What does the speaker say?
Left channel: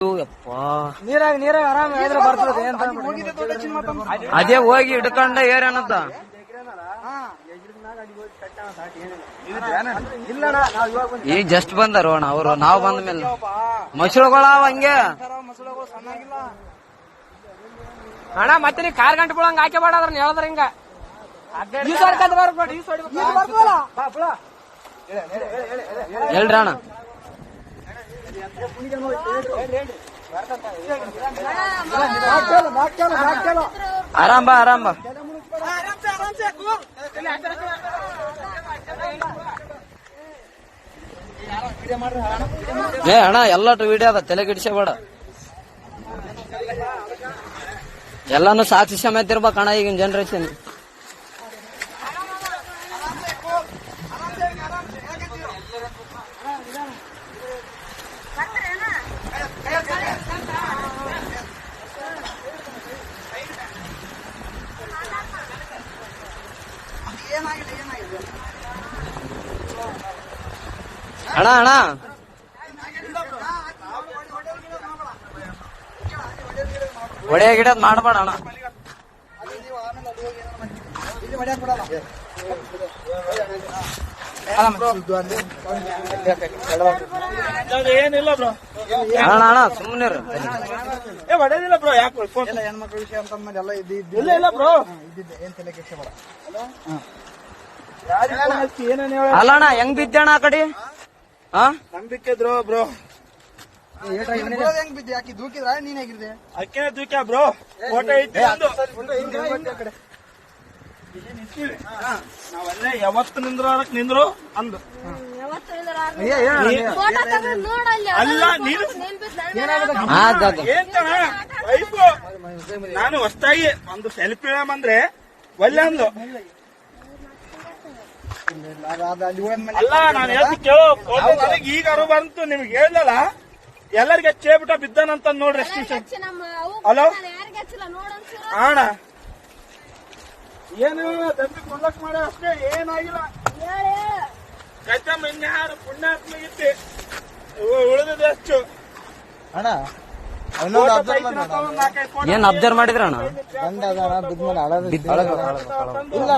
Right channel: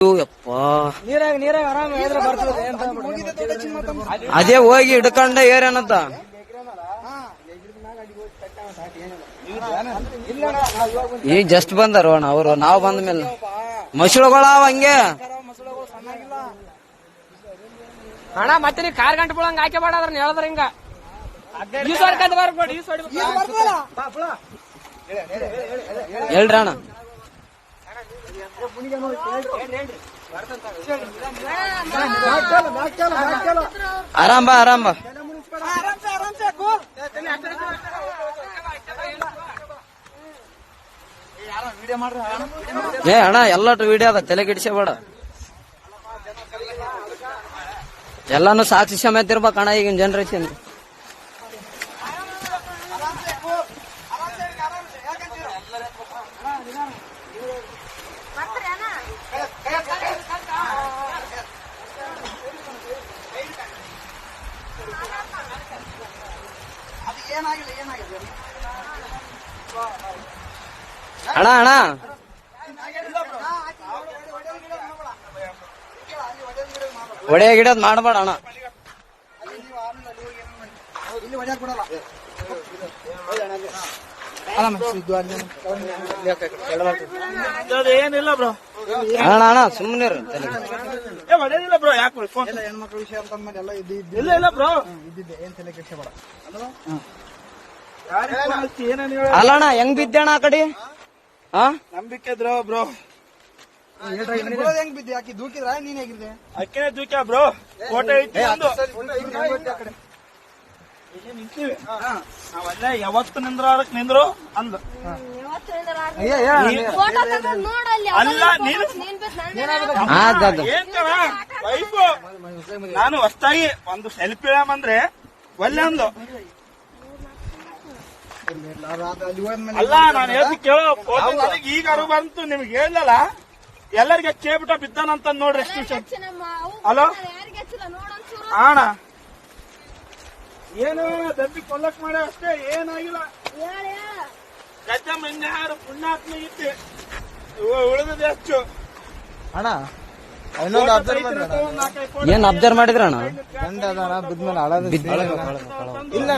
ನೀರಾಗ ಆರಾಮ ಬರ್ತದೆ ಅದೇ ಹೋಗಿ ಹಿಡ್ಕೊಂಡ ಏರೇನಂತ ಈಗ ಜಸ್ಟ್ ಬಂದಾರ ಅಣ್ಣ ಅವರು. ನಾವು ಬಂದ ಮೇಲೆ ಮಸಳುಗಳಾವ ಹಂಗೆ ಅಣ್ಣ. ಮತ್ತೆ ನೀ ಕಾರ್ ಗಂಟೆ ಬಿಡಂಗ ಹಾಕಿ ಬೇಡ ಅದ್ರ ಹೇಳದ್ರ ಹಿಂಗ ಹೇಳ್ರಿ ಅಣ್ಣ. ಆರಾಮ್ ಬಾ ಆರಾಮ್ ಬಾ. ಏ ಅಣ್ಣ ಎಲ್ಲಟು ವಿಡಿಯೋ ಆಗ ತಲೆ ಗಿಡಿಸಬೇಡ. ಎಲ್ಲಾನು ಸಾಕ್ಷಿ ಸಮೇತ ಇರ್ಬೇಕಣ್ಣ ಈಗಿನ ಜನರೇಷನ್. ಅಣ್ಣ ಅಣ್ಣ ಒಡೆಯ ಗಿಡದ್ ಮಾಡಬೇಡ ಅಣ್ಣ. ಏನಿಲ್ಲ ಬ್ರೋ ಅಣ್ಣ ಅಣ್ಣ ಸುಮ್ಮನೆ ಹೊಡೆದಿಲ್ಲ ಬ್ರೋ. ಯಾಕೆ ಹೆಣ್ಮಕ್ಳ ವಿಷಯ ಅಂತ ಎಲ್ಲ ಇಲ್ಲ ಬ್ರೋ. ಏನ್ ತಲೆ ಕೆಡ್ಸಬೇಡ. ಅಲ್ಲ ಅಣ್ಣ ಹೆಂಗ್ ಬಿದ್ದಣ್ಣ ಆ ಕಡೆ? ನಂಬಿಕೆ ಇದ್ರು ಬ್ರೋ. ಹೆಂಗ್ ಬಿದ್ದೆ? ಆಕಿ ದೂಕಿದ್ರ ನೀನ್ ಹೇಗಿದ್ದೆ? ಅಕ್ಕಿನೇ ದೂಕ್ಯ ಬ್ರೋ. ಫೋಟೋ ಐತಿ ನಾವಲ್ಲೇ ಯಾವತ್ತು ನಿಂದ್ರು ಅಂದು. ನಾನು ಹೊಸ್ತಾಗಿ ಒಂದು ಸೆಲ್ಫಿ ಅಂದ್ರೆ ಒಲ್ಲೆ ಅಂದ್ಲು. ಅಲ್ಲ ನಾನು ಹೇಳ್ತಿ ಕೇಳೋ ಫೋಟೋ ನನಗೆ ಈಗ ಅರು ಬಂತು. ನಿಮ್ಗೆ ಹೇಳಲ್ಲ ಎಲ್ಲರಿಗೂ ಚೇಬಿಟ ಬಿದ್ದಾನಂತ ನೋಡ್ರಿ. ಹಲೋ ಅಣ್ಣ ಏನು ದಂಪಿ ಕೊಲ್ಲಕ್ ಮಾಡ ಅಷ್ಟೇ, ಏನಾಗಿಲ್ಲ. ಕಚ್ಚಮ್ಮ ಇನ್ಯಾರು ಪುಣ್ಯಾತ್ಮ ಇತ್ತೆ ಉಳಿದಿದೆ ಅಷ್ಟು ಅಣ್ಣ. ಏನ್ ಅಬ್ಸರ್ವ್ ಮಾಡಿದ್ರ ಅಣ್ಣ? ಇಲ್ಲ